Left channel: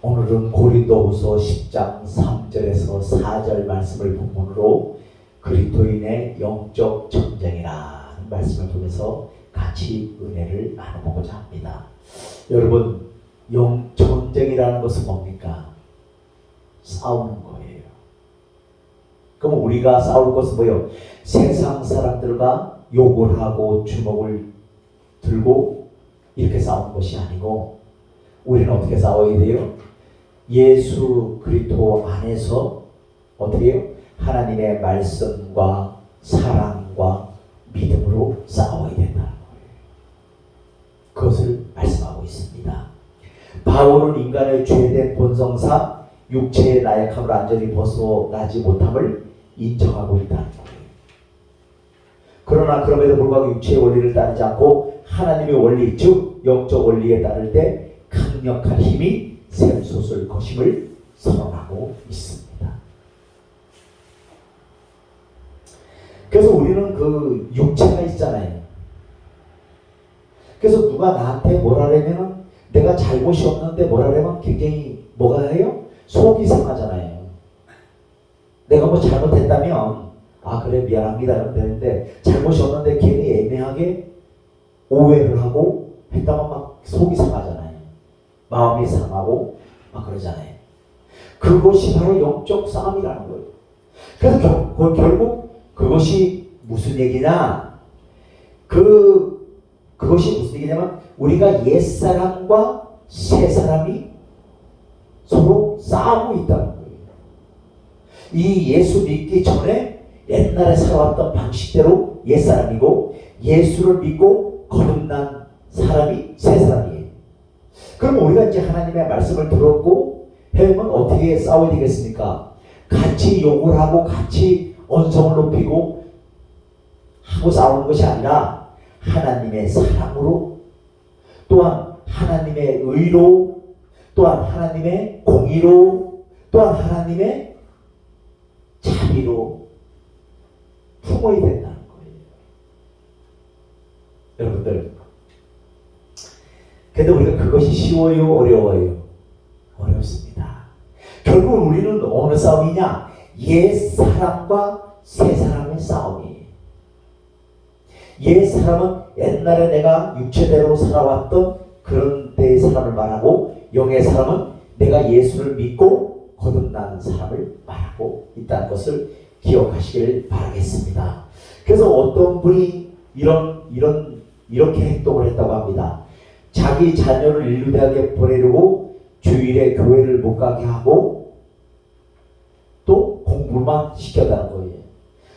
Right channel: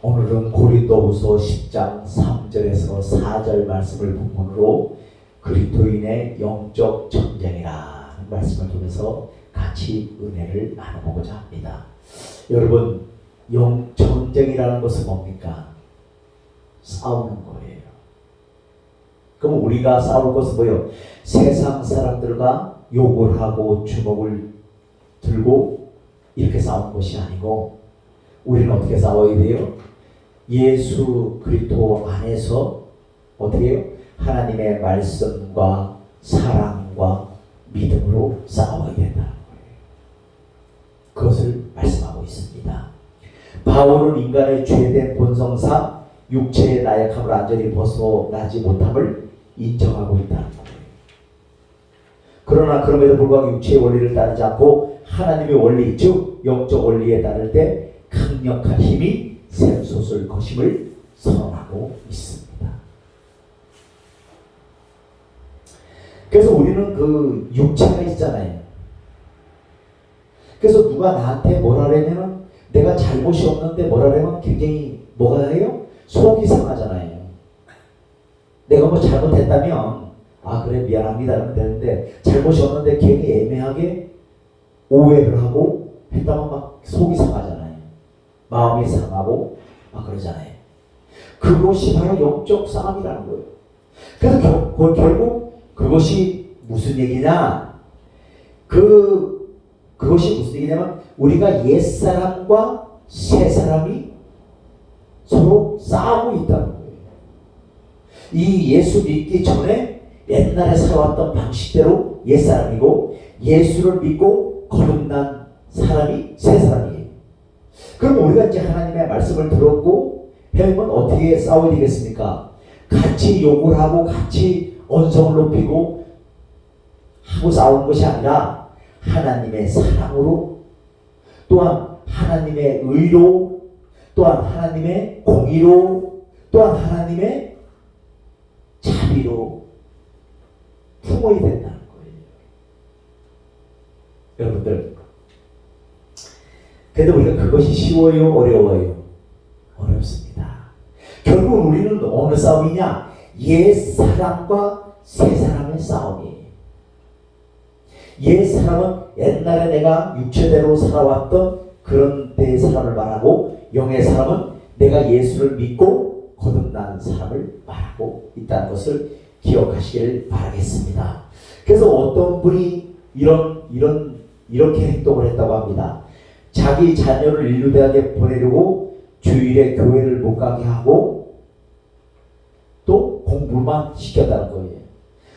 오늘은 고린도후서 10장 3절에서 4절 말씀을 본문으로 그리스도인의 영적 전쟁이라는 말씀을 통해서 같이 은혜를 나눠보고자 합니다. 여러분, 전쟁이라는 것은 뭡니까? 싸우는 거예요. 그럼 우리가 싸울 것은 뭐예요? 세상 사람들과 욕을 하고 주먹을 들고 이렇게 싸우는 것이 아니고, 우리는 어떻게 싸워야 돼요? 예수 그리스도 안에서 어떻게 해요? 하나님의 말씀과 사랑과 믿음으로 싸워야 된다는 거예요. 그것을 말씀하고 있습니다. 바울은 인간의 죄된 본성상 육체의 나약함을 완전히 벗어나지 못함을 인정하고 있다는 거예요. 그러나 그럼에도 불구하고 육체의 원리를 따르지 않고 하나님의 원리, 즉 영적 원리에 따를 때 강력한 힘이 샘솟을 것임을 선언하고 있습니다. 그래서 우리는 그 육체가 있잖아요. 그래서 누가 나한테 뭐라 하려면, 내가 잘못이 없는데 뭐라 하려면 굉장히 뭐가 해요? 속이 상하잖아요. 내가 뭐 잘못했다면 아 그래 미안합니다 하면 되는데, 잘못이 없는데 괜히 애매하게 오해를 하고 했다면 막 속이 상하잖아요. 마음이 상하고 막 그러잖아요. 그것이 바로 영적 싸움이라는 거예요. 그래서 결국 그것이 무슨 얘기냐? 그것이 무슨 얘기냐면, 우리가 옛사람과 새사람이 서로 싸우고 있다는 거예요. 이 예수 믿기 전에 옛날에 살아왔던 방식대로 옛사람이고, 예수를 믿고 거듭난 사람이 새사람이에요. 그럼 우리가 이제 하나님의 말씀을 들었고 해보면 어떻게 싸워야 되겠습니까? 같이 욕을 하고 같이 언성을 높이고 하고 싸우는 것이 아니라 하나님의 사랑으로, 또한 하나님의 의로, 또한 하나님의 공의로, 또한 하나님의 자비로 품어야 된다는 거예요. 여러분들, 그래도 우리가 그것이 쉬워요? 어려워요? 어렵습니다. 결국 우리는 어느 싸움이냐? 옛 사람과 새 사람의 싸움이에요. 옛 사람은 옛날에 내가 육체대로 살아왔던 그런 때의 사람을 말하고, 영의 사람은 내가 예수를 믿고 거듭난 사람을 말하고 있다는 것을 기억하시기를 바라겠습니다. 그래서 어떤 분이 이렇게 행동을 했다고 합니다. 자기 자녀를 인류대학에 보내려고 주일에 교회를 못 가게 하고 또 공부만 시켰다는 거예요.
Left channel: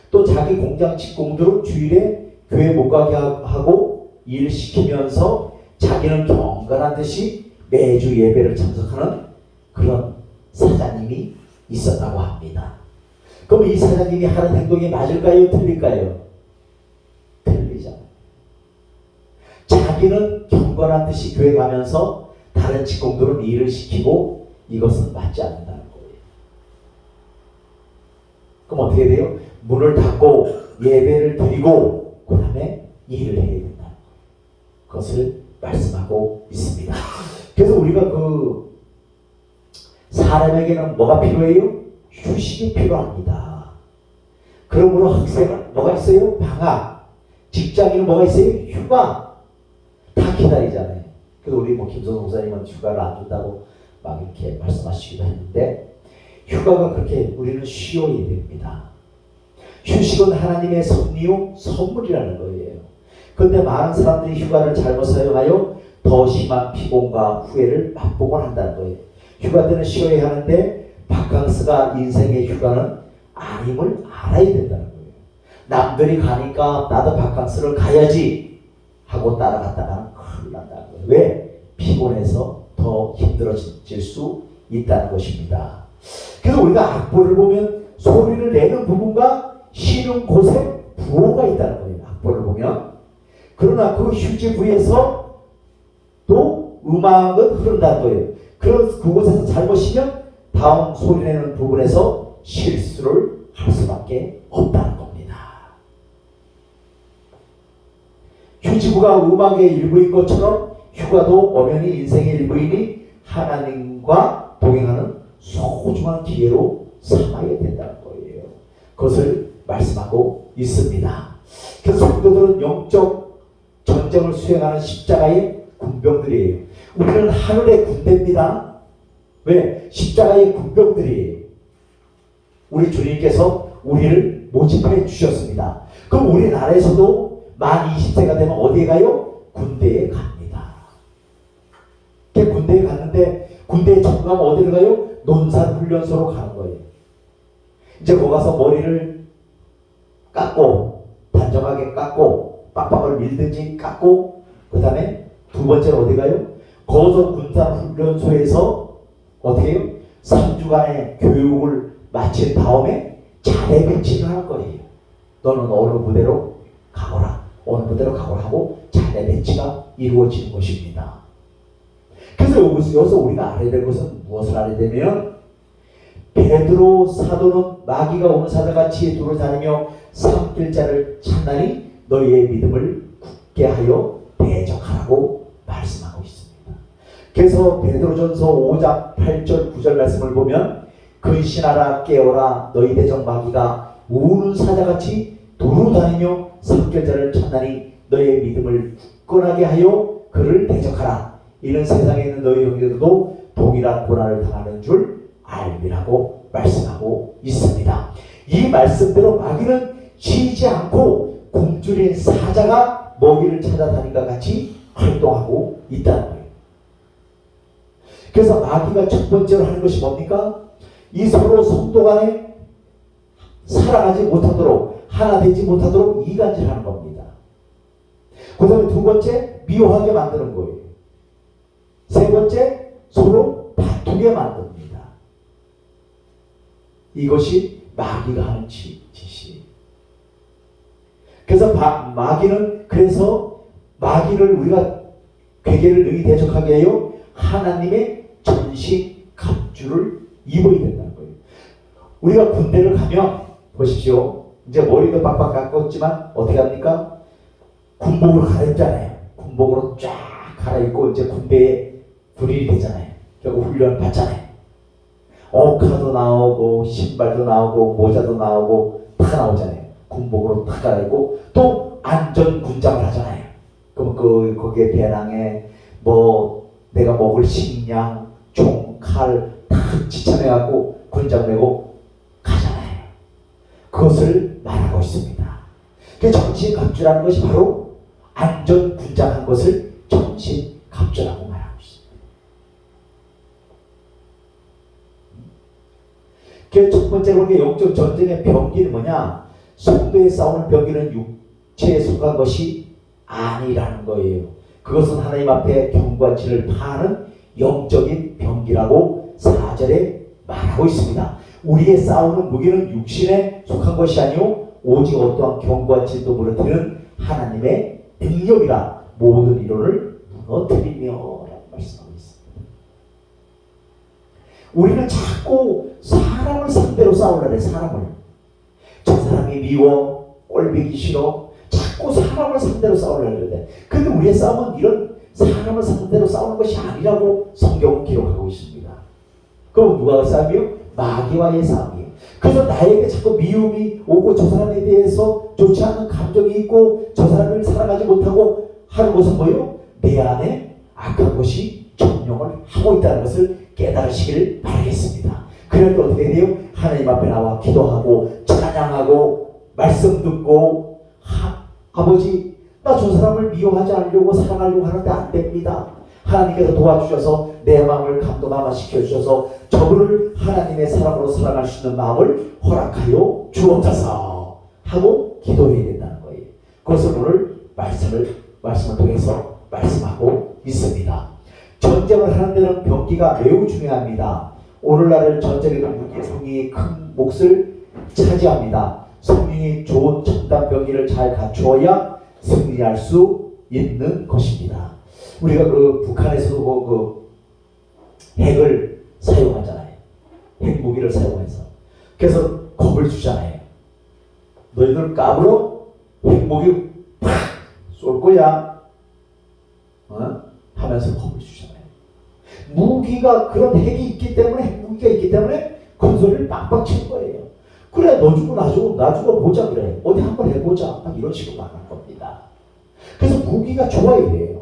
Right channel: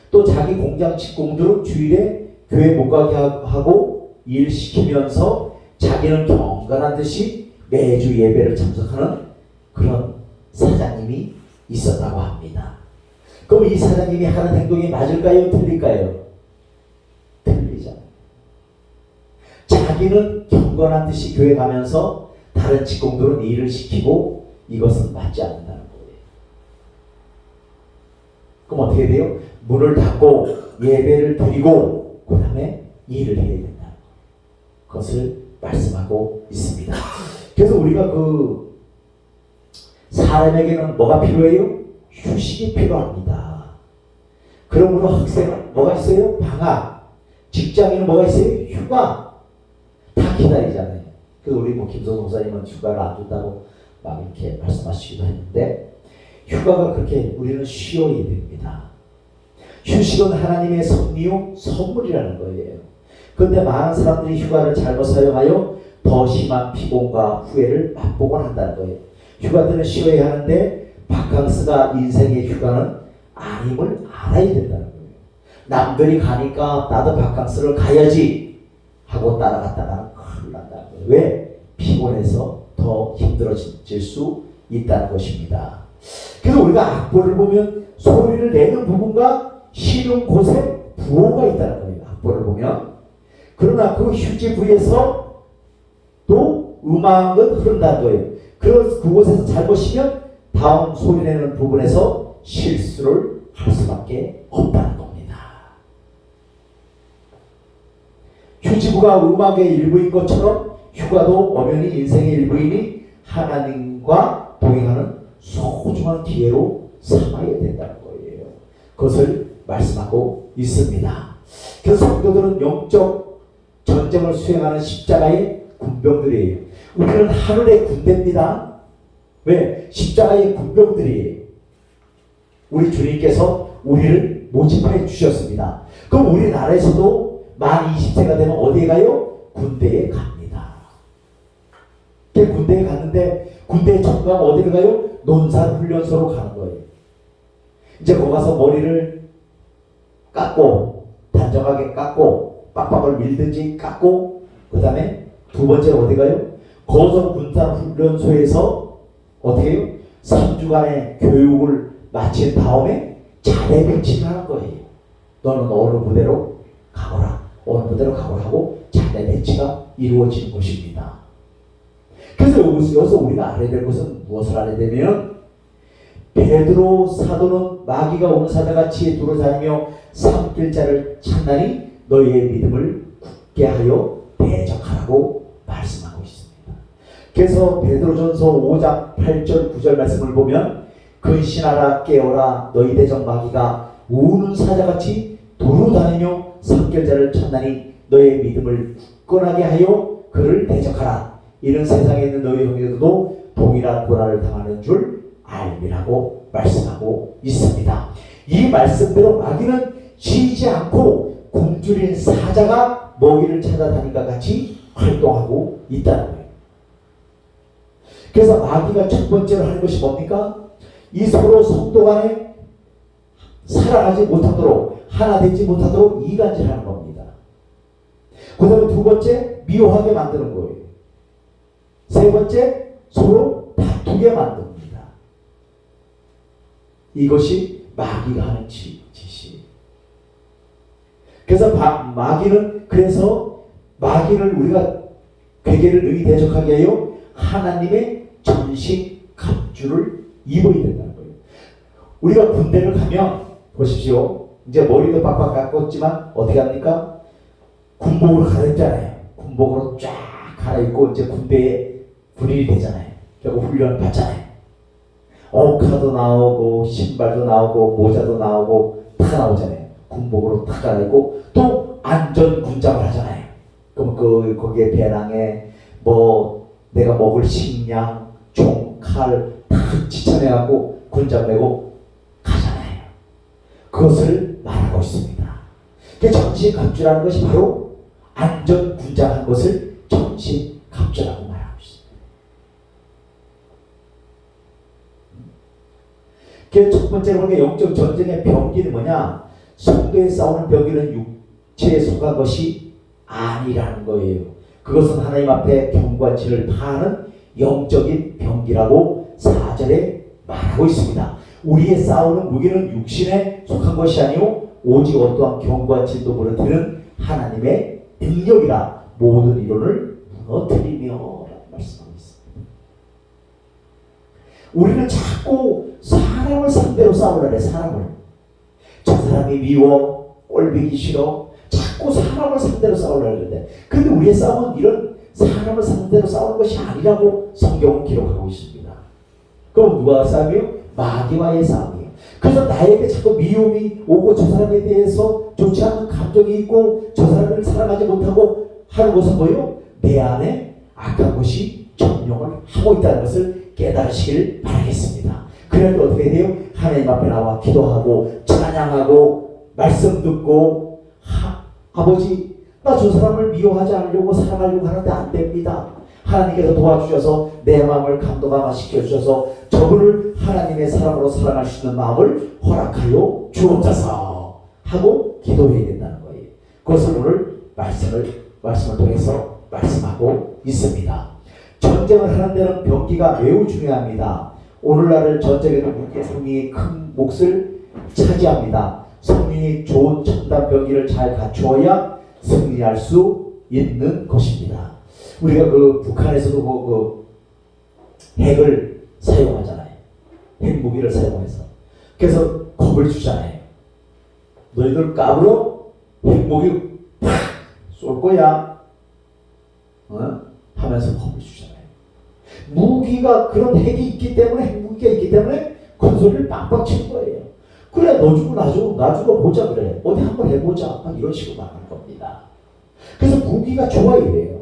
또 자기 공장 직공들은 주일에 교회 못 가게 하고 일 시키면서 자기는 경건한 듯이 매주 예배를 참석하는 그런 사장님이 있었다고 합니다. 그럼 이 사장님이 하는 행동이 맞을까요? 틀릴까요? 틀리잖아요. 자기는 경건한 듯이 교회 가면서 다른 직공들은 일을 시키고, 이것은 맞지 않는다는 거예요. 그럼 어떻게 돼요? 문을 닫고 예배를 드리고 그 다음에 일을 해야 된다는 거예요. 그것을 말씀하고 있습니다. 그래서 우리가 사람에게는 뭐가 필요해요? 휴식이 필요합니다. 그러므로 학생은 뭐가 있어요? 방학. 직장인은 뭐가 있어요? 휴가. 다 기다리잖아요. 그래서 우리 김선호 목사님은 휴가를 안 준다고 막 이렇게 말씀하시기도 했는데, 휴가가 그렇게 우리는 쉬어야 됩니다. 휴식은 하나님의 섭리요 선물이라는 거예요. 그런데 많은 사람들이 휴가를 잘못 사용하여 더 심한 피곤과 후회를 맛보곤 한다는 거예요. 휴가 때는 쉬어야 하는데 바캉스가 인생의 휴가는 아님을 알아야 된다는 거예요. 남들이 가니까 나도 바캉스를 가야지 하고 따라갔다가는 큰일 난다는 거예요. 왜? 피곤해서 더 힘들어질 수 있다는 것입니다. 그래서 우리가 악보를 보면 소리를 내는 부분과 쉬는 곳에 부호가 있다는 거예요. 악보를 보면. 그러나 그 휴지 부에서 또 음악은 흐른다는 거예요. 그곳에서 잘못 쉬면 다음 소리 내는 부분에서 실수를 할 수밖에 없다는 겁니다. 휴지부가 음악의 일부인 것처럼 휴가도 엄연히 인생의 일부이니 하나님과 동행하는 소중한 기회로 삼아야 된다는 거예요. 그것을 말씀하고 있습니다. 그래서 성도들은 영적 전쟁을 수행하는 십자가의 군병들이에요. 우리는 하늘의 군대입니다. 왜? 십자가의 군병들이에요. 우리 주님께서 우리를 모집해 주셨습니다. 그럼 우리나라에서도 만 20세가 되면 어디에 가요? 군대에 갑니다. 군대에 갔는데 군대에 청구하면 어디를 가요? 논산훈련소로 가는 거예요. 이제 거기 가서 머리를 깎고 단정하게 깎고 빡빡을 밀든지 깎고 그 다음에 두 번째로 어디 가요? 거성군산훈련소에서 어떻게 해요? 3주간의 교육을 마친 다음에 자대 배치를 할 거예요. 너는 어느 부대로 가거라. 어느 부대로 가거라 하고 자대 배치가 이루어지는 것입니다. 그래서 여기서 우리가 알아야 될 것은 무엇을 알아야 되면 베드로 사도는 마귀가 오는 사자같이 두루다니며 산길자를 찾나니 너희의 믿음을 굳게 하여 대적하라고 말씀하고 있습니다. 그래서 베드로전서 5장 8절 9절 말씀을 보면 근신하라 깨어라 너희 대적 마귀가 우는 사자같이 두루다니며 산길자를 찾나니 너희의 믿음을 굳건하게 하여 그를 대적하라. 이는 세상에 있는 너희 형제들도 동일한 고난을 당하는 줄 알미라고 말씀하고 있습니다. 이 말씀대로 마귀는 쉬지 않고 굶주린 사자가 먹이를 찾아다니까 같이 활동하고 있다는 거예요. 그래서 마귀가 첫 번째로 하는 것이 뭡니까? 이 서로 성도 간에 살아가지 못하도록 하나 되지 못하도록 이간질하는 겁니다. 그 다음에 두 번째 미워하게 만드는 거예요. 세 번째 서로 다투게 만듭니다. 이것이 마귀가 하는 짓이에요. 그래서 그래서 마귀를 우리가 괴계를 능히 대적하게 해요. 하나님의 전신 갑주를 입어야 된다는 거예요. 우리가 군대를 가면 보십시오. 이제 머리도 빡빡 깎았지만 어떻게 합니까? 군복으로 갈아입잖아요. 군복으로 쫙 갈아입고 이제 군대에 불일이 되잖아요. 결국 훈련 받잖아요. 옷카도 나오고 신발도 나오고 모자도 나오고 다 나오잖아요. 군복으로 다 갈아입고 또 안전군장을 하잖아요. 그럼 거기에 배낭에 뭐 내가 먹을 식량, 총, 칼 다 지참해갖고 군장 메고 가잖아요. 그것을 말하고 있습니다. 그 전시갑주라는 것이 바로 안전군장한 것을 전시갑주라고 말하고 있습니다. 그 첫 번째로 영적 전쟁의 병기는 뭐냐? 성도에 싸우는 병기는 육체에 속한 것이 아니라는 거예요. 그것은 하나님 앞에 병과 진을 파하는 영적인 병기라고 4절에 말하고 있습니다. 우리의 싸우는 무기는 육신에 속한 것이 아니요 오직 어떠한 경과 진도 무너뜨리는 하나님의 능력이라 모든 이론을 무너뜨리며 라고 말씀하고 있습니다. 우리는 자꾸 사람을 상대로 싸우려래. 사람을. 저 사람이 미워, 꼴보기 싫어. 자꾸 사람을 상대로 싸우려고 하는데 근데 우리의 싸움은 이런 사람을 상대로 싸우는 것이 아니라고 성경은 기록하고 있습니다. 그럼 누가의 싸움이요? 마귀와의 싸움이에요. 그래서 나에게 자꾸 미움이 오고 저 사람에 대해서 좋지 않은 감정이 있고 저 사람을 사랑하지 못하고 하는 것은 뭐예요? 내 안에 악한 것이 점령을 하고 있다는 것을 깨달으시길 바라겠습니다. 그럴 때 어떻게 돼요? 하나님 앞에 나와 기도하고 찬양하고 말씀 듣고 아버지 나 저 사람을 미워하지 않으려고 사랑하려고 하는데 안 됩니다. 하나님께서 도와주셔서 내 마음을 감동하게 시켜주셔서 저분을 하나님의 사랑으로 사랑할 수 있는 마음을 허락하여 주옵소서 하고 기도해야 된다는 거예요. 그것을 오늘 말씀을 통해서 말씀하고 있습니다. 전쟁을 하는 데는 병기가 매우 중요합니다. 오늘날 전쟁에도 무기의 성령이 큰 몫을 차지합니다. 성령이 좋은 첨단 병기를 잘 갖추어야 승리할 수 있는 것입니다. 우리가 북한에서도 그 핵을 사용하잖아요. 핵무기를 사용해서. 그래서 겁을 주잖아요. 너희들 까불어? 핵무기 팍 쏠 거야. 하면서 겁을 주잖아요. 무기가 그런 핵이 있기 때문에 핵무기가 있기 때문에 큰 소리를 빵빵 친 거예요. 그래 너 죽고 나 죽어 보자 그래. 어디 한번 해보자. 이런 식으로 말할 겁니다. 그래서 무기가 좋아야 돼요.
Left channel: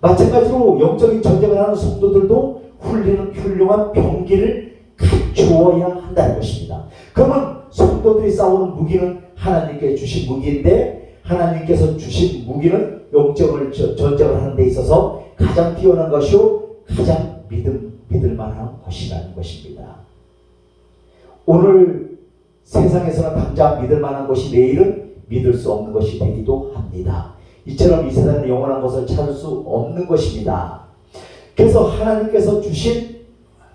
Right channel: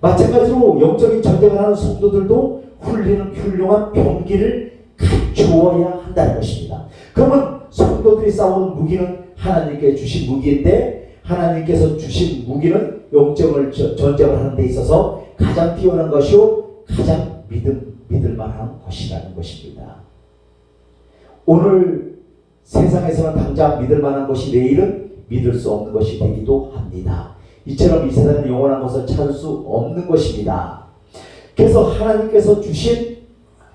마찬가지로 영적인 전쟁을 하는 성도들도 훌륭한 병기를 갖추어야 한다는 것입니다. 그러면 성도들이 싸우는 무기는 하나님께 주신 무기인데 하나님께서 주신 무기는 영적을 전쟁을 하는 데 있어서 가장 뛰어난 것이요 가장 믿을 만한 것이라는 것입니다. 오늘 세상에서는 당장 믿을 만한 것이 내일은 믿을 수 없는 것이 되기도 합니다. 이처럼 이 세상은 영원한 것을 찾을 수 없는 것입니다. 그래서 하나님께서 주신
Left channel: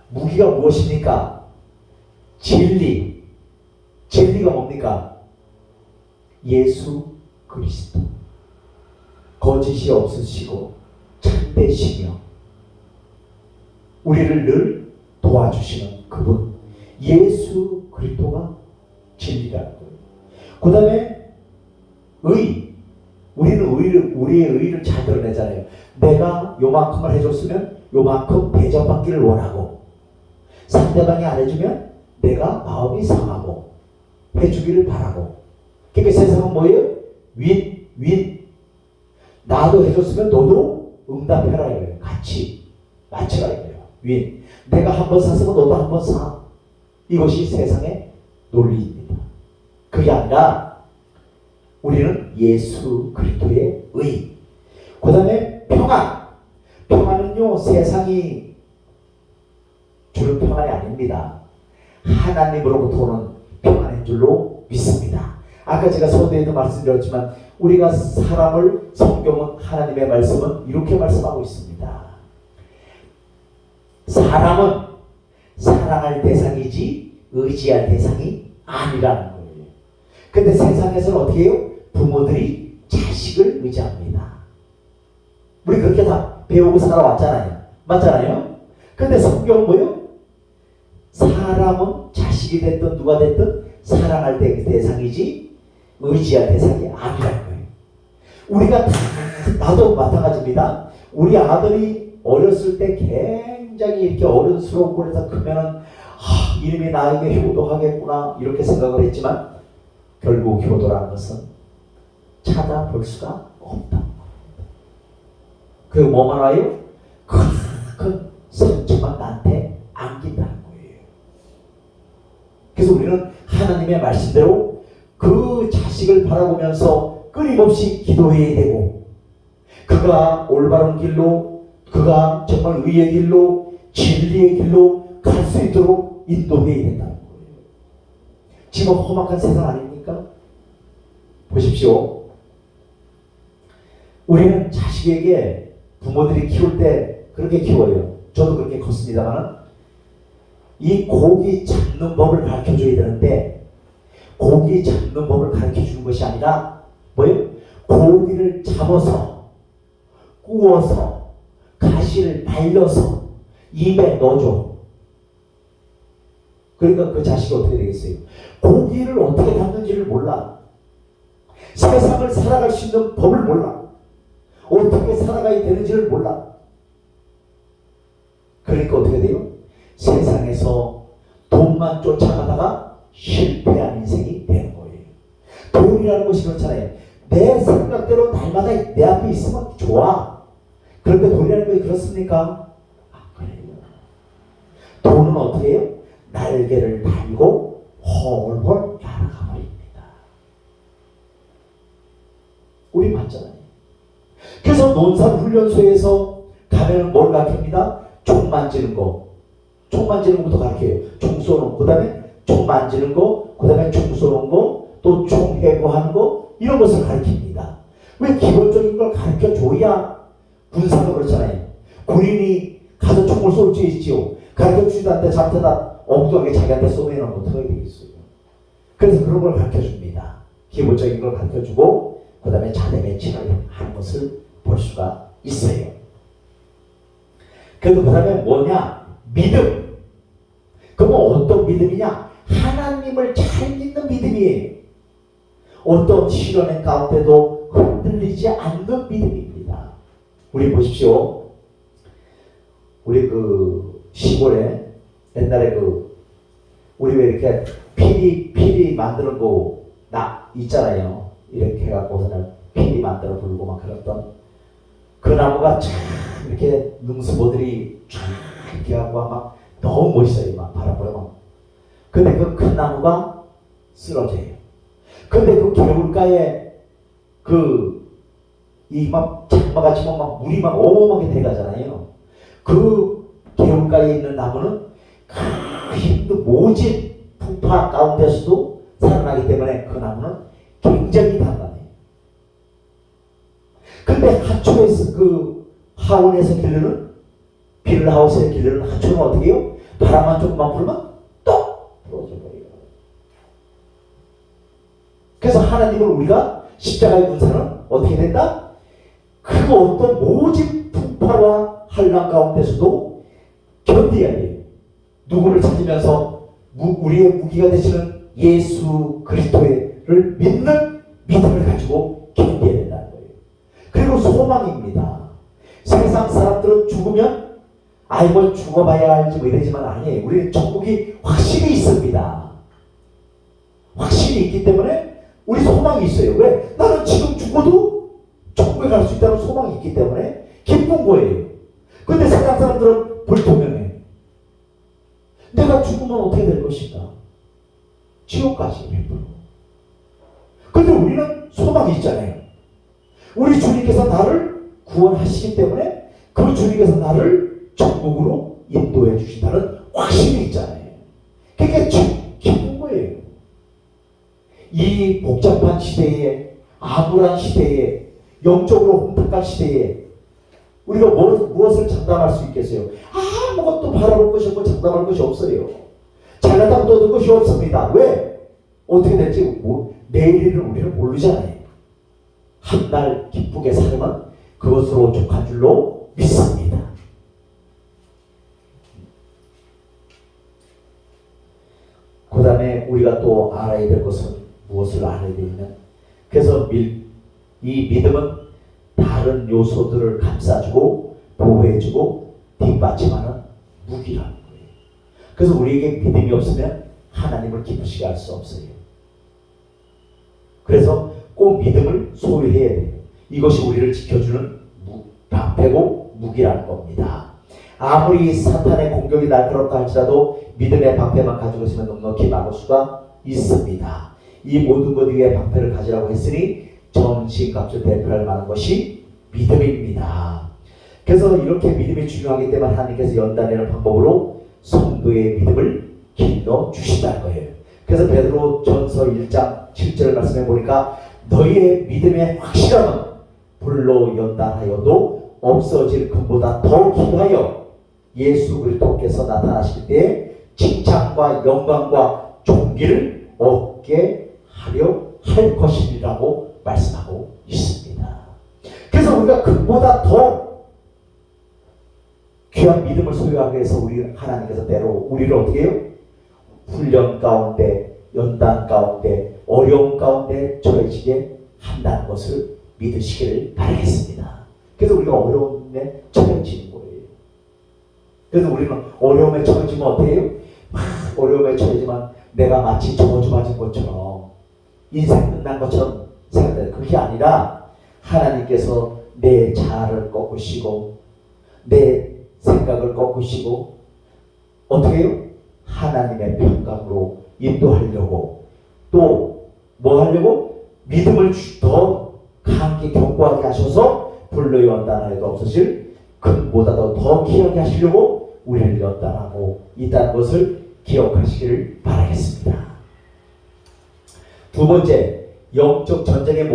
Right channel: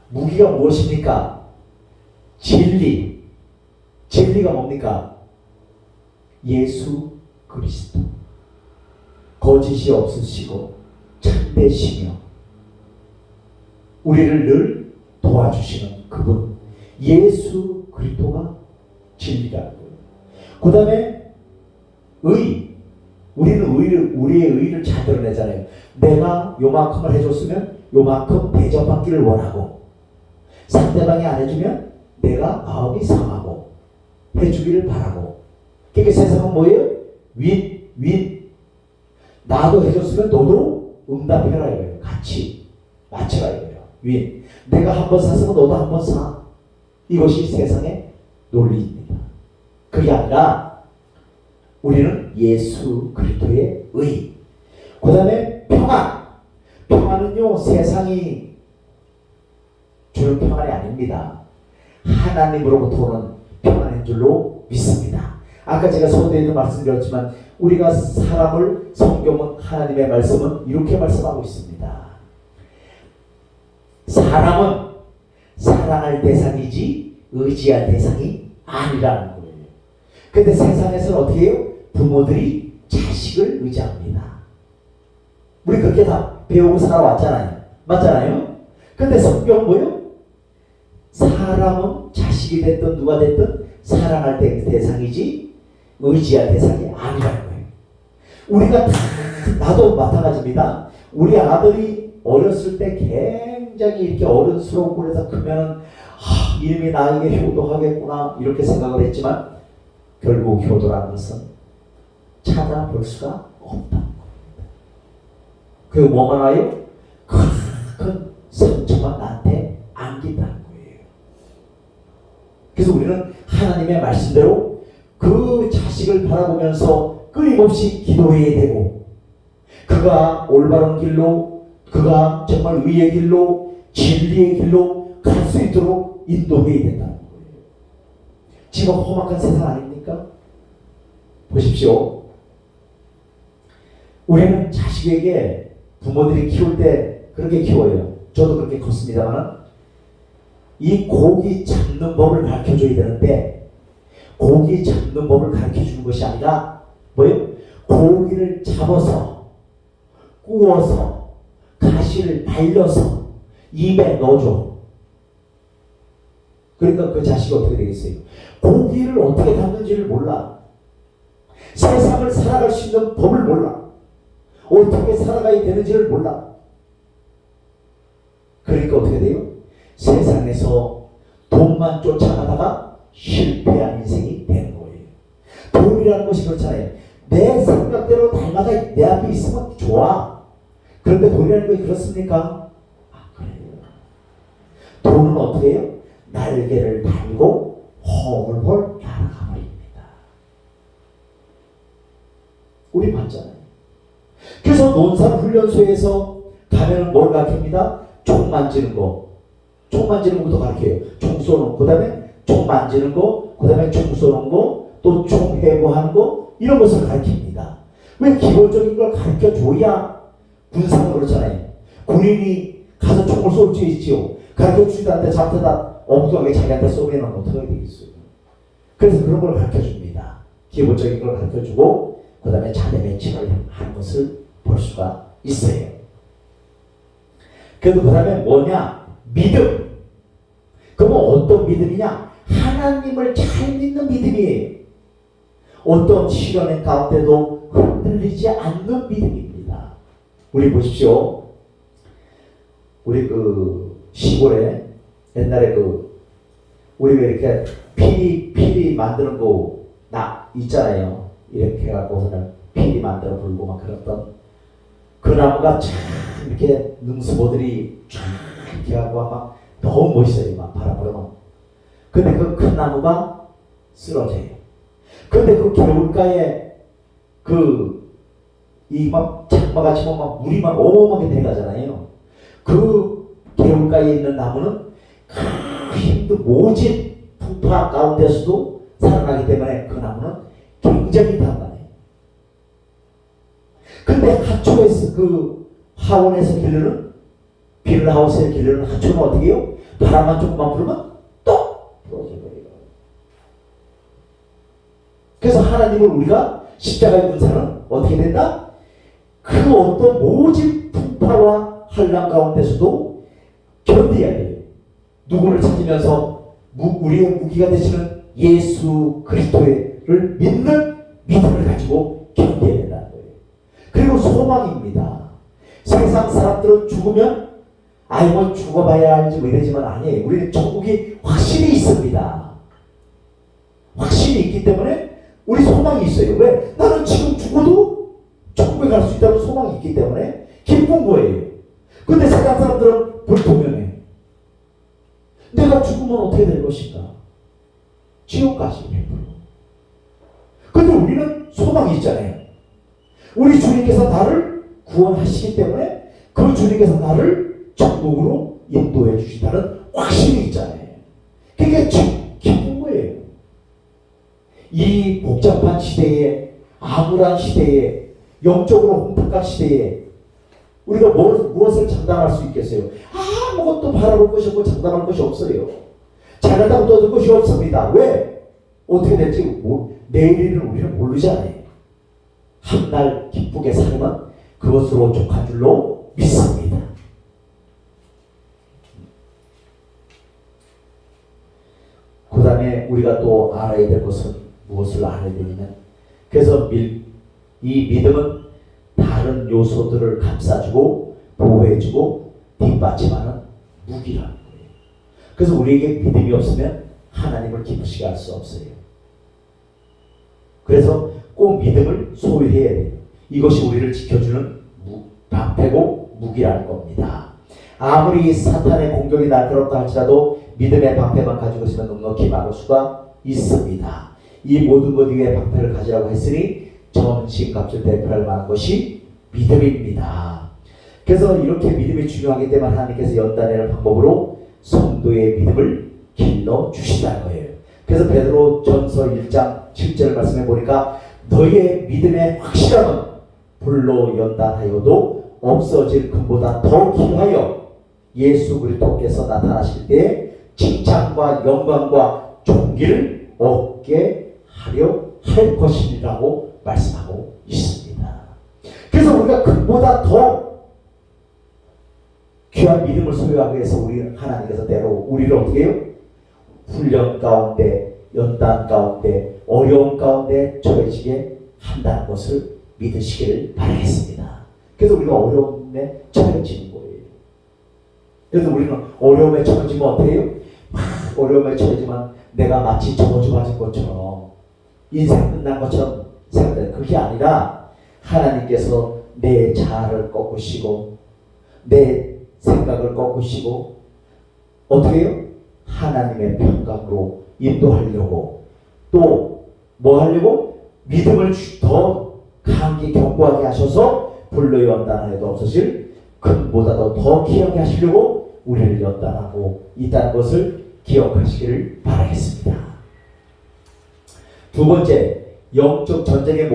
무기가 무엇입니까? 진리가 뭡니까? 예수 그리스도. 거짓이 없으시고 참되시며 우리를 늘 도와주시는 그분 예수 그리스도가 진리라는 거예요. 그 다음에 우리는 우리의 의를 잘 드러내잖아요. 내가 요만큼을 해줬으면 요만큼 대접받기를 원하고 상대방이 안 해주면 내가 마음이 상하고 해주기를 바라고. 그러니까 세상은 뭐예요? 윈. 나도 해줬으면 너도 응답해라 이거예요. 같이 맞춰라 이거예요. 윈. 내가 한 번 샀으면 너도 한 번 사. 이것이 세상의 논리입니다. 그게 아니라 우리는 예수 그리스도의 의. 그 다음에 평안은요 세상이 주는 평안이 아닙니다. 하나님으로부터 오는 평안인 줄로 믿습니다. 아까 제가 서두에도 말씀드렸지만 우리가 사람을 성경은 하나님의 말씀은 이렇게 말씀하고 있습니다. 사람은 사랑할 대상이지 의지할 대상이 아니라는 거예요. 근데 세상에서는 어떻게 해요? 부모들이 자식을 의지합니다. 우리 그렇게 다 배우고 살아왔잖아요. 맞잖아요? 근데 성경은 뭐예요? 사람은 자식이 됐든 누가 됐든 사랑할 대상이지 의지할 대상이 아니라는 거예요. 우리가 나도 마찬가지입니다. 우리 아들이 어렸을 때 굉장히 이렇게 어른스럽고 그래서 크면은 이름이 나에게 효도하겠구나 이렇게 생각을 했지만 결국 효도라는 것은 찾아볼 수가 없다. 그리고 뭐가 나요? 큰 상처가 나한테 안긴다는 거예요. 그래서 우리는 하나님의 말씀대로 그 자식을 바라보면서 끊임없이 기도해야 되고 그가 올바른 길로 그가 정말 의의 길로 진리의 길로 갈 수 있도록 인도해야 된다는 거예요. 지금 험악한 세상 아닙니까? 보십시오. 우리는 자식에게 부모들이 키울 때 그렇게 키워요. 저도 그렇게 컸습니다만 이 고기 잡는 법을 가르쳐줘야 되는데 고기 잡는 법을 가르쳐주는 것이 아니라 뭐예요? 고기를 잡아서 구워서 가시를 날려서 입에 넣어줘. 그러니까 그 자식이 어떻게 되겠어요? 고기를 어떻게 잡는지를 몰라. 세상을 살아갈 수 있는 법을 몰라. 어떻게 살아가야 되는지를 몰라. 그러니까 어떻게 돼요? 세상에서 돈만 쫓아가다가 실패한 인생이 되는 거예요. 돈이라는 것이 그렇잖아요. 내 생각대로 날마다 내 앞에 있으면 좋아. 그런데 돈이라는 것이 그렇습니까? 그래요. 돈은 어떻게 해요? 날개를 달고 헐헐 날아가 버립니다. 우리 맞잖아요. 그래서 논산훈련소에서 가면은 뭘 가르칩니다? 총 만지는 거. 총 만지는 것부터 가르쳐요. 총 쏘는 거. 그 다음에 총 만지는 거. 그 다음에 총 쏘는 거. 또 총 해부하는 거. 이런 것을 가르칩니다. 왜 기본적인 걸 가르쳐줘야 군사가 그렇잖아요. 군인이 가서 총을 쏠 수 있지요. 가르쳐주지도 않는데 잡다가 엉뚱하게 자기한테 쏘면 어떻게 되겠어요. 그래서 그런 걸 가르쳐줍니다. 기본적인 걸 가르쳐주고 그 다음에 자대 배치를 하는 것을 볼 수가 있어요. 그래도 그 다음에 뭐냐? 믿음. 그러면 어떤 믿음이냐? 하나님을 잘 믿는 믿음이에요. 어떤 시련의 가운데도 흔들리지 않는 믿음입니다. 우리 보십시오. 우리 그 시골에 옛날에 우리 왜 이렇게 피리 만드는 거 있잖아요. 이렇게 해갖고서는 피리 만들어 불고 막 그랬던 그 나무가 참 이렇게 능수보들이 쫙 이렇게 하고 막 너무 멋있어요. 막 바람 불면. 근데 그 큰 나무가 쓰러져요. 근데 그 개울가에 이 막 장마가 치면 막 물이 막 어마어마하게 내려가잖아요. 그 개울가에 있는 나무는 그 모진 풍파 가운데서도 살아나기 때문에 그 나무는 굉장히 단단해요. 근데 하초에서 하원에서 기르는 빌라하우스에 기르는 하초는 어떻게 해요? 바람만 조금만 불면 똑 부러져 버려요. 그래서 하나님을 우리가 십자가의 군사는 어떻게 된다? 그 어떤 모진 풍파와 한란 가운데서도 견뎌야 돼요. 누구를 찾으면서 우리의 무기가 되시는 예수 그리스도를 믿는 믿음을 가지고 견뎌야 된다는 거예요. 그리고 소망입니다. 세상 사람들은 죽으면 뭐 죽어봐야 알지 뭐 이러지만 아니에요. 우리는 천국이 확실히 있습니다. 확실히 있기 때문에 우리 소망이 있어요. 왜? 나는 지금 죽어도 천국에 갈 수 있다는 소망이 있기 때문에 기쁜 거예요. 근데 세상 사람들은 불투명해. 내가 죽으면 어떻게 될 것인가? 지옥 가지 100%. 근데 우리는 소망이 있잖아요. 우리 주님께서 나를 구원하시기 때문에 그 주님께서 나를 천국으로 인도해 주신다는 확신이 있잖아요. 그게 기쁜 거예요. 이 복잡한 시대에, 암울한 시대에, 영적으로 혼탁한 시대에 우리가 무엇을 장담할 수 있겠어요? 아무것도 바라볼 것이 없고 장담할 것이 없어요. 잘났다고 떠들 것이 없습니다. 왜? 어떻게 될지 내일은 우리는 모르잖아요. 한날 기쁘게 살면 그것으로 족한 줄로 믿습니다. 그 다음에 우리가 또 알아야 될 것은 무엇을 알아야 되냐면, 그래서 이 믿음은 다른 요소들을 감싸주고 보호해주고 뒷받침하는 무기라는 거예요. 그래서 우리에게 믿음이 없으면 하나님을 기쁘시게 할 수 없어요. 그래서 꼭 믿음을 소유해야 돼요. 이것이 우리를 지켜주는 방패고 무기라는 겁니다. 아무리 사탄의 공격이 날카롭다 할지라도 믿음의 방패만 가지고 있으면 넉넉히 막을 수가 있습니다. 이 모든 것 위에 방패를 가지라고 했으니 전신갑주 대표할 만한 것이 믿음입니다. 그래서 이렇게 믿음이 중요하기 때문에 하나님께서 연단하는 방법으로 성도의 믿음을 길러 주신다는 거예요. 그래서 베드로전서 1장 7절 말씀해 보니까 너희의 믿음의 확실함은 불로 연단하여도 없어질 금보다 더 귀하여 예수 그리스도께서 나타나실 때 칭찬과 영광과 존귀를 얻게 하려 할 것이라고 말씀하고 있습니다. 그래서 우리가 금보다 더 귀한 믿음을 소유하기 위해서 하나님께서 때로 우리를 어떻게 해요? 훈련 가운데, 연단 가운데, 어려움 가운데 처해지게 한다는 것을 믿으시기를 바라겠습니다. 그래서 우리가 어려움에 처해지는 거예요. 그래서 우리는 어려움에 처해지면 어떻게 해요? 어려움에 처해지면 내가 마치 저주받은 것처럼 인생 끝난 것처럼 생각해요. 그게 아니라 하나님께서 내 자아를 꺾으시고 내 생각을 꺾으시고 어떻게 해요? 하나님의 평강으로 인도하려고 또 뭐 하려고? 믿음을 더 강하게 견고하게 하셔서 불로 연단하여도 없으실 금보다도 더 귀하게 하시려고 우리를 연단하고 있다는 것을 기억하시기를 바라겠습니다. 두 번째, 영적 전쟁의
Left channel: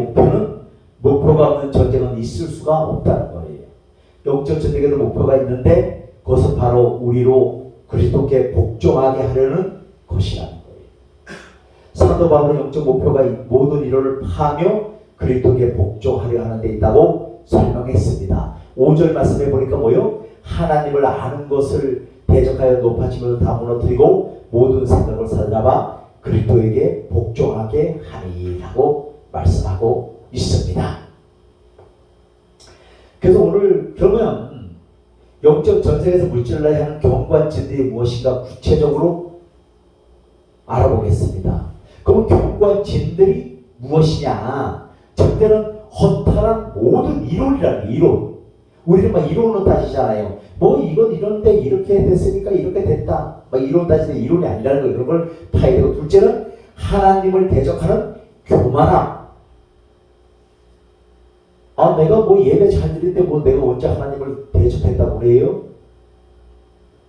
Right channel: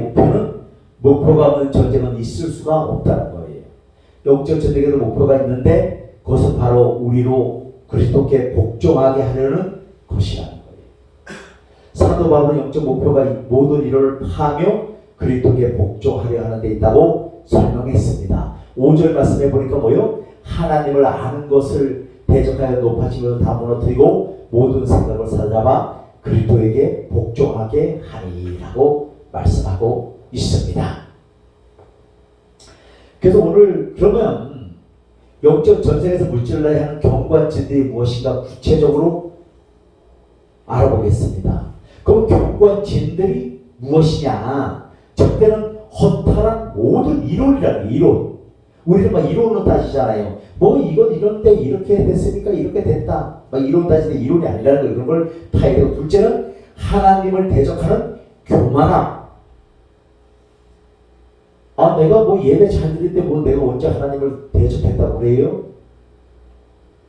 목표가 없는 전쟁은 있을 수가 없다는 거예요. 영적 전쟁에도 목표가 있는데 그것은 바로 우리로 그리스도께 복종하게 하려는 것이라는 거예요. 사도 바울은 영적 목표가 모든 일을 하며 그리스도께 복종하려 하는 데 있다고 설명했습니다. 5절 말씀해 보니까 뭐요? 하나님을 아는 것을 대적하여 높아지면서 다 무너뜨리고 모든 생각을 사로잡아 그리스도에게 복종하게 하리라고 말씀하고 있습니다. 그래서 오늘 그러면 영적 전쟁에서 물질러야 하는 경관진들이 무엇인가 구체적으로 알아보겠습니다. 그럼 경관진들이 무엇이냐? 첫째는 허탈한 모든 이론이라는 이론. 우리는 막 이론으로 따지잖아요. 뭐 이건 이런데 이렇게 됐으니까 이렇게 됐다. 막 이론 따지는데 이론이 아니라는 거, 이런 걸 봐야 되고, 둘째는 하나님을 대적하는 교만함. 아, 내가 뭐 예배 잘 드리는데 뭐 내가 언제 하나님을 대적했다고 그래요?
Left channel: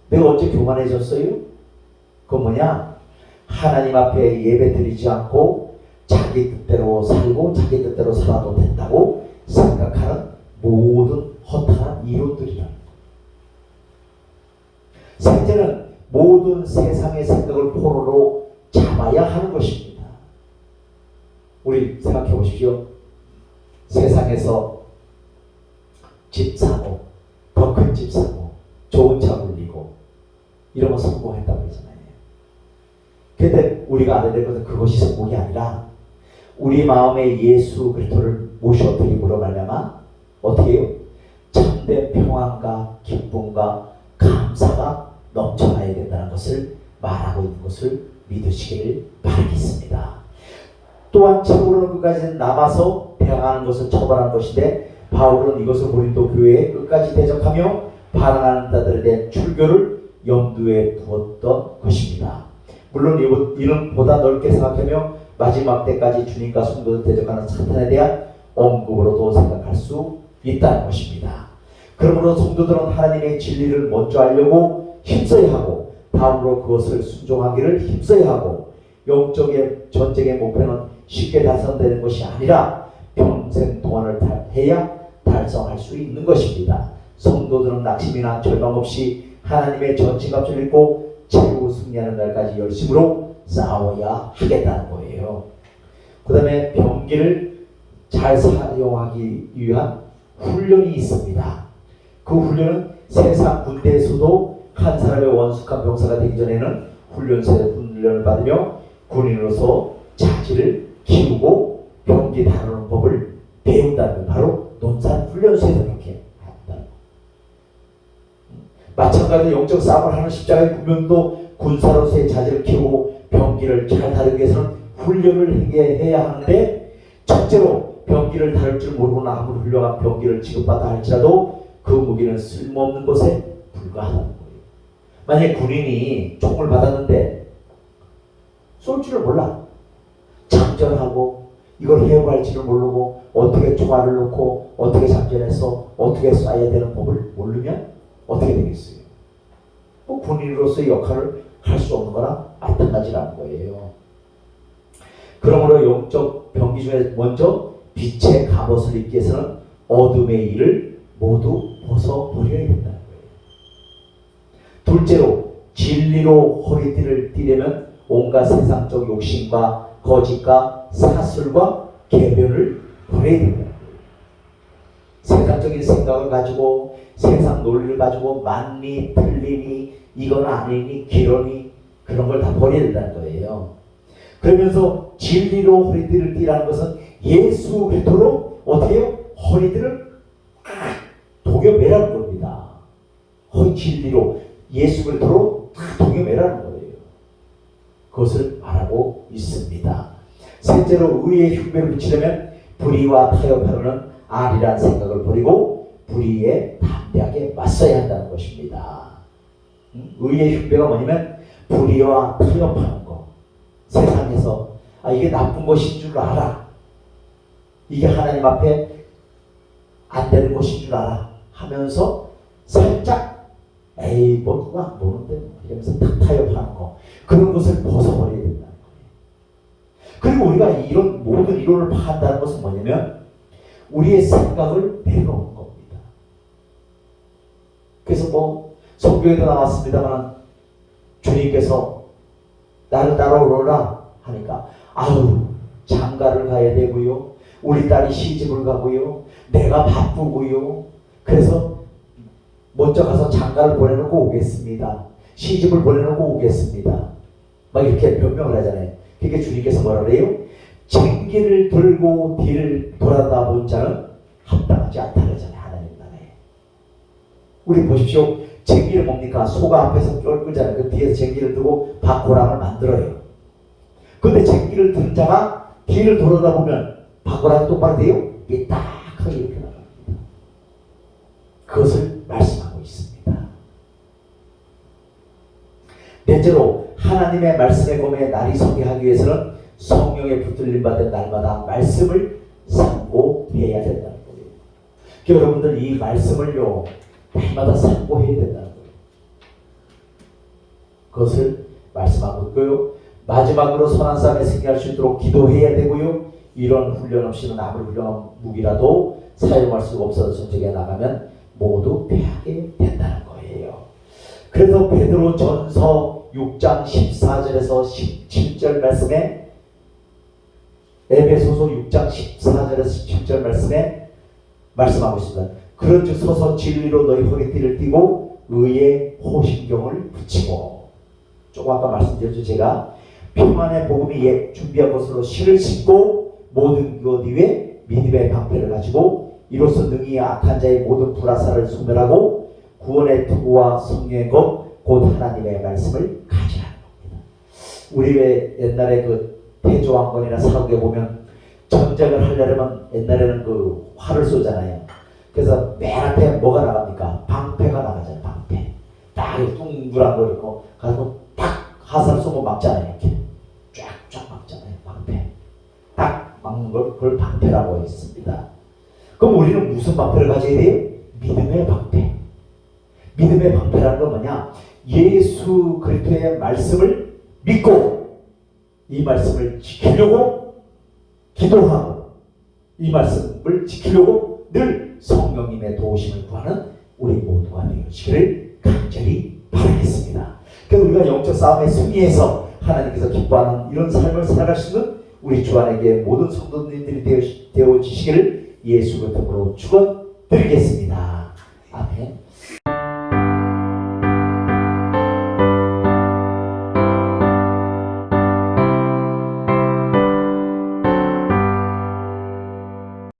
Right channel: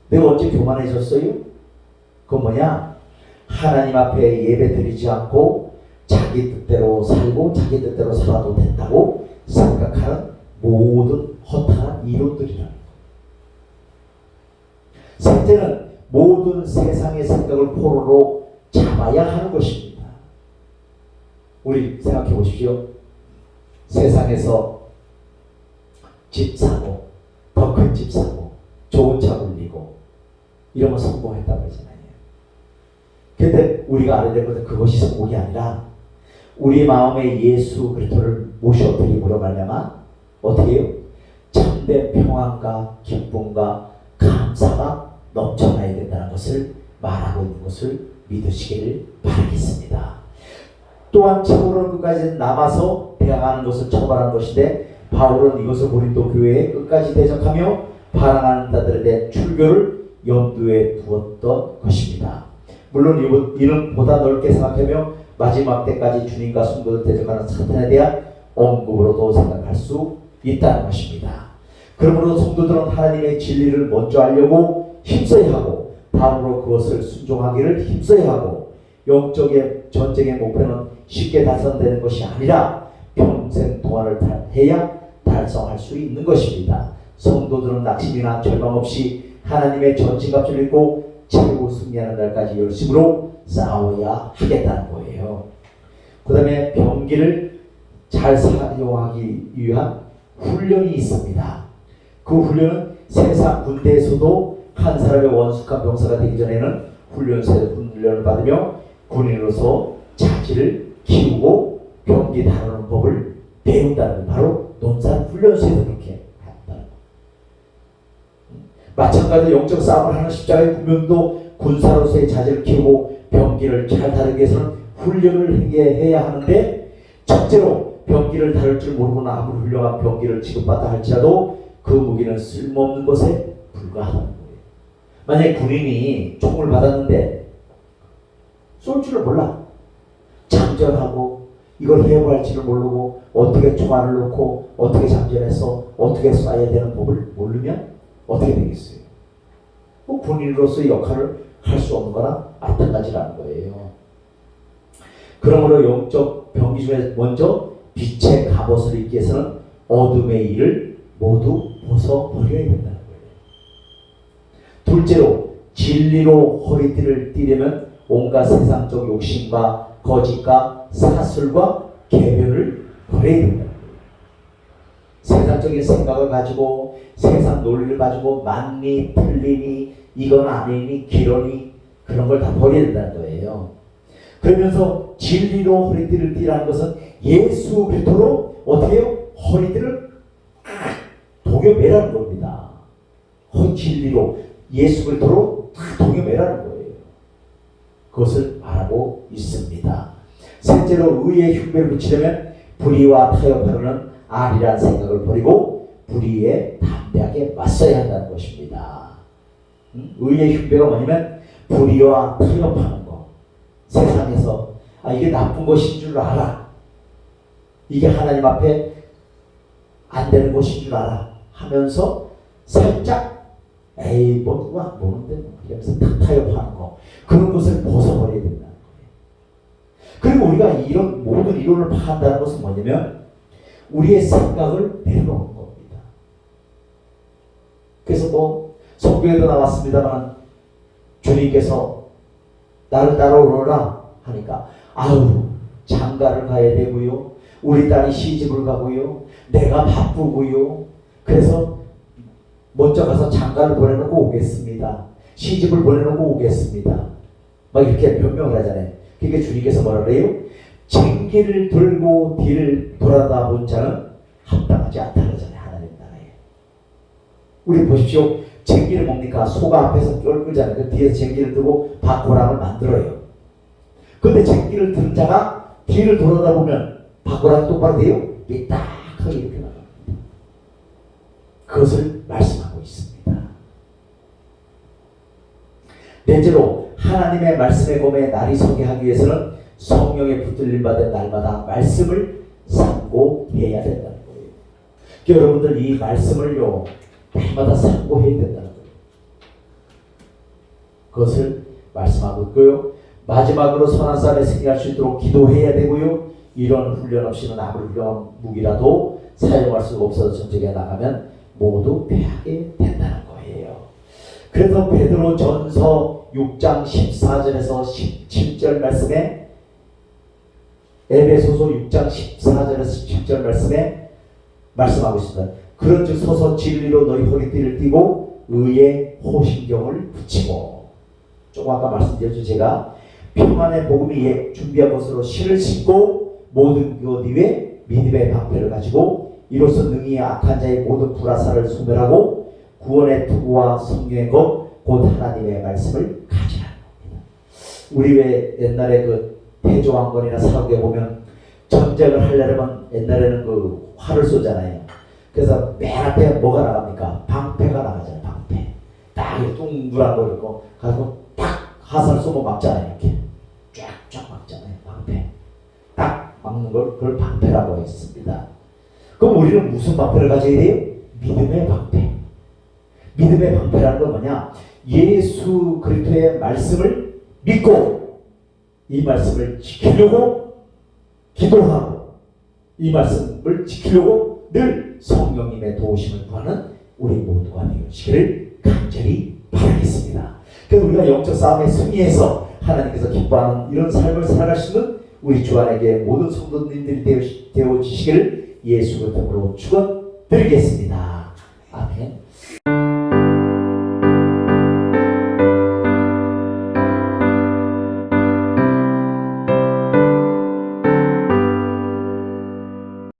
내가 언제 교만해졌어요? 그건 뭐냐? 하나님 앞에 예배 드리지 않고 자기 뜻대로 살고 자기 뜻대로 살아도 된다고 생각하는 모든 허탄한 이론들이라는 거예요. 셋째는 모든 세상의 생각을 포로로 잡아야 하는 것입니다. 우리 생각해 보십시오. 세상에서 집 사고, 더 큰 집 사고, 좋은 차 굴리고 이런 거 성공했다고 그러잖아요. 근데 우리가 알아야 될 것은 그것이 성공이 아니라 우리 마음에 예수 그리스도를 모셔드림으로 말미암아 어떻게 해요? 참된 평안과 기쁨과 감사가 넘쳐나야 된다는 것을 말하고 있는 것을 믿으시기를 바라겠습니다. 또한 책으로는 끝까지 남아서 대항하는 것을 처벌한 것인데 바울은 이것을 고린도 교회에 끝까지 대적하며 반항하는 자들에 대한 출교를 염두에 두었던 것입니다. 물론 이는 보다 넓게 생각하며 마지막 때까지 주님과 성도를 대적하는 사탄에 대한 언급으로도 생각할 수 있다는 것입니다. 그러므로 성도들은 하나님의 진리를 먼저 알려고 힘써야 하고 다음으로 그것을 순종하기를 힘써야 하고 영적의 전쟁의 목표는 쉽게 달성되는 것이 아니라 평생 동안을 해야 달성할 수 있는 것입니다. 성도들은 낙심이나 절망 없이 하나님의 전신갑주를 입고 최후 승리하는 날까지 열심으로 싸워야 하겠다는 거예요. 그 다음에 병기를 잘 사용하기 위한 훈련이 있습니다. 그 훈련은 세상 군대에서도 한 사람의 원숙한 병사가 되기 전에는 훈련을 받으며 군인으로서 자질을 키우고 병기 다루는 법을 배운다는 바로 논산훈련소에서 그렇게 한다. 마찬가지로 영적 싸움을 하는 십자가의 군병도 군사로서의 자질을 키우고 병기를 잘 다루기 위해서는 훈련을 해야 하는데 첫째로 병기를 다룰 줄 모르고는 아무리 훌륭한 병기를 지급받아 할지라도 그 무기는 쓸모없는 것에 불과하다는 거예요. 만약에 군인이 총을 받았는데 쏠 줄을 몰라. 장전하고 이걸 해부할지를 모르고 어떻게 총알을 놓고 어떻게 장전해서 어떻게 쏴야 되는 법을 모르면 어떻게 되겠어요? 군인으로서의 역할을 할 수 없는 거랑 마찬가지라는 거예요. 그러므로 영적 병기 중에 먼저 빛의 갑옷을 입기 위해서는 어둠의 일을 모두 벗어버려야 된다는 거예요. 둘째로 진리로 허리띠를 띠려면 온갖 세상적 욕심과 거짓과 사술과 계변을 버려야 된다는 거예요. 세상적인 생각을 가지고 세상 논리를 가지고 맞니 틀리니 이건 아니니 기러니 그런 걸 다 버려야 된다는 거예요. 그러면서 진리로 허리띠를 띠라는 것은 예수 그리스도로 어떻게 해요? 허리띠를 동여매라는 겁니다. 진리로 예수 그리스도로 동여매라는 거예요. 그것을 말하고 있습니다. 셋째로 의의 흉배를 붙이려면 불의와 타협하려는 아리란 생각을 버리고 불의에 담대하게 맞서야 한다는 것입니다. 의의 흉배가 뭐냐면 불의와 타협하는 거. 세상에서 이게 나쁜 것인 줄 알아. 이게 하나님 앞에 안 되는 것인 줄 알아 하면서 살짝 에이 뭐 누가 모르는데 이러면서 탁 타협하는 거. 그런 것을 벗어버려야 된다는 거예요. 그리고 우리가 이런 모든 이론을 파악한다는 것은 뭐냐면 우리의 생각을 내려놓은 겁니다. 그래서 뭐 성경에도 나왔습니다만 주님께서 나를 따라오라 하니까 장가를 가야 되고요. 우리 딸이 시집을 가고요. 내가 바쁘고요. 그래서 먼저 가서 장가를 보내놓고 오겠습니다. 시집을 보내놓고 오겠습니다. 막 이렇게 변명을 하잖아요. 그러니까 주님께서 뭐라 그래요? 쟁기를 들고 뒤를 돌아다 본 자는 합당하지 않다 그러잖아요. 하나님 나라에. 우리 보십시오. 쟁기를 뭡니까? 소가 앞에서 쫄 끌잖아요. 그 뒤에서 쟁기를 들고 바코랑을 만들어요. 근데 쟁기를 든 자가 뒤를 돌아다 보면 바코랑이 똑바로 돼요? 삐딱하게 이렇게 나갑니다. 그것을 말씀하고 있습니다. 넷째로 하나님의 말씀의 검에 날이 서게 하기 위해서는 성령의 붙들림 받은 날마다 말씀을 상고해야 된다는 거예요. 여러분들 이 말씀을요 날마다 상고해야 된다는 거예요. 그것을 말씀하고 있고요. 마지막으로 선한 삶에 생각할 수 있도록 기도해야 되고요. 이런 훈련 없이는 아무리 훌륭한 무기라도 사용할 수가 없어서 전쟁에 나가면 모두 패하게 된다는 거예요. 그래서 베드로 전서 6장 14절에서 17절 말씀에, 에베소서 6장 14절에서 17절 말씀에 말씀하고 있습니다. 그런즉 서서 진리로 너희 허리띠를 띠고 의의 호심경을 붙이고, 조금 아까 말씀드렸죠. 제가 평안의 복음이 준비한 것으로 실을 신고 모든 것 위에 믿음의 방패를 가지고 이로써 능히 악한 자의 모든 불화살을 소멸하고 구원의 투구와 성령의 것 곧 하나님의 말씀을 가지라는 겁니다. 우리 왜 옛날에 그 대조왕건이나 사극에 보면 전쟁을 하려면 옛날에는 그 활을 쏘잖아요. 그래서 맨 앞에 뭐가 나갑니까? 방패가 나가잖아요. 방패. 딱 둥그란 거 있고 가지고 딱 화살을 쏘면 막잖아요. 이렇게 쫙쫙 막잖아요. 방패. 딱 막는 걸 그걸 방패라고 했습니다. 그럼 우리는 무슨 방패를 가져야 돼요? 믿음의 방패. 믿음의 방패라는 건 뭐냐? 예수 그리스도의 말씀을 믿고 이 말씀을 지키려고 기도하고 이 말씀을 지키려고 늘 성령님의 도우심을 구하는 우리 모두가 되시기를 간절히 바라겠습니다. 그래서 우리가 영적 싸움에 승리해서 하나님께서 기뻐하는 이런 삶을 살아갈 수 있는 우리 주 안에 모든 성도님들이 되어지시기를 예수 그리스도로 축원드리겠습니다.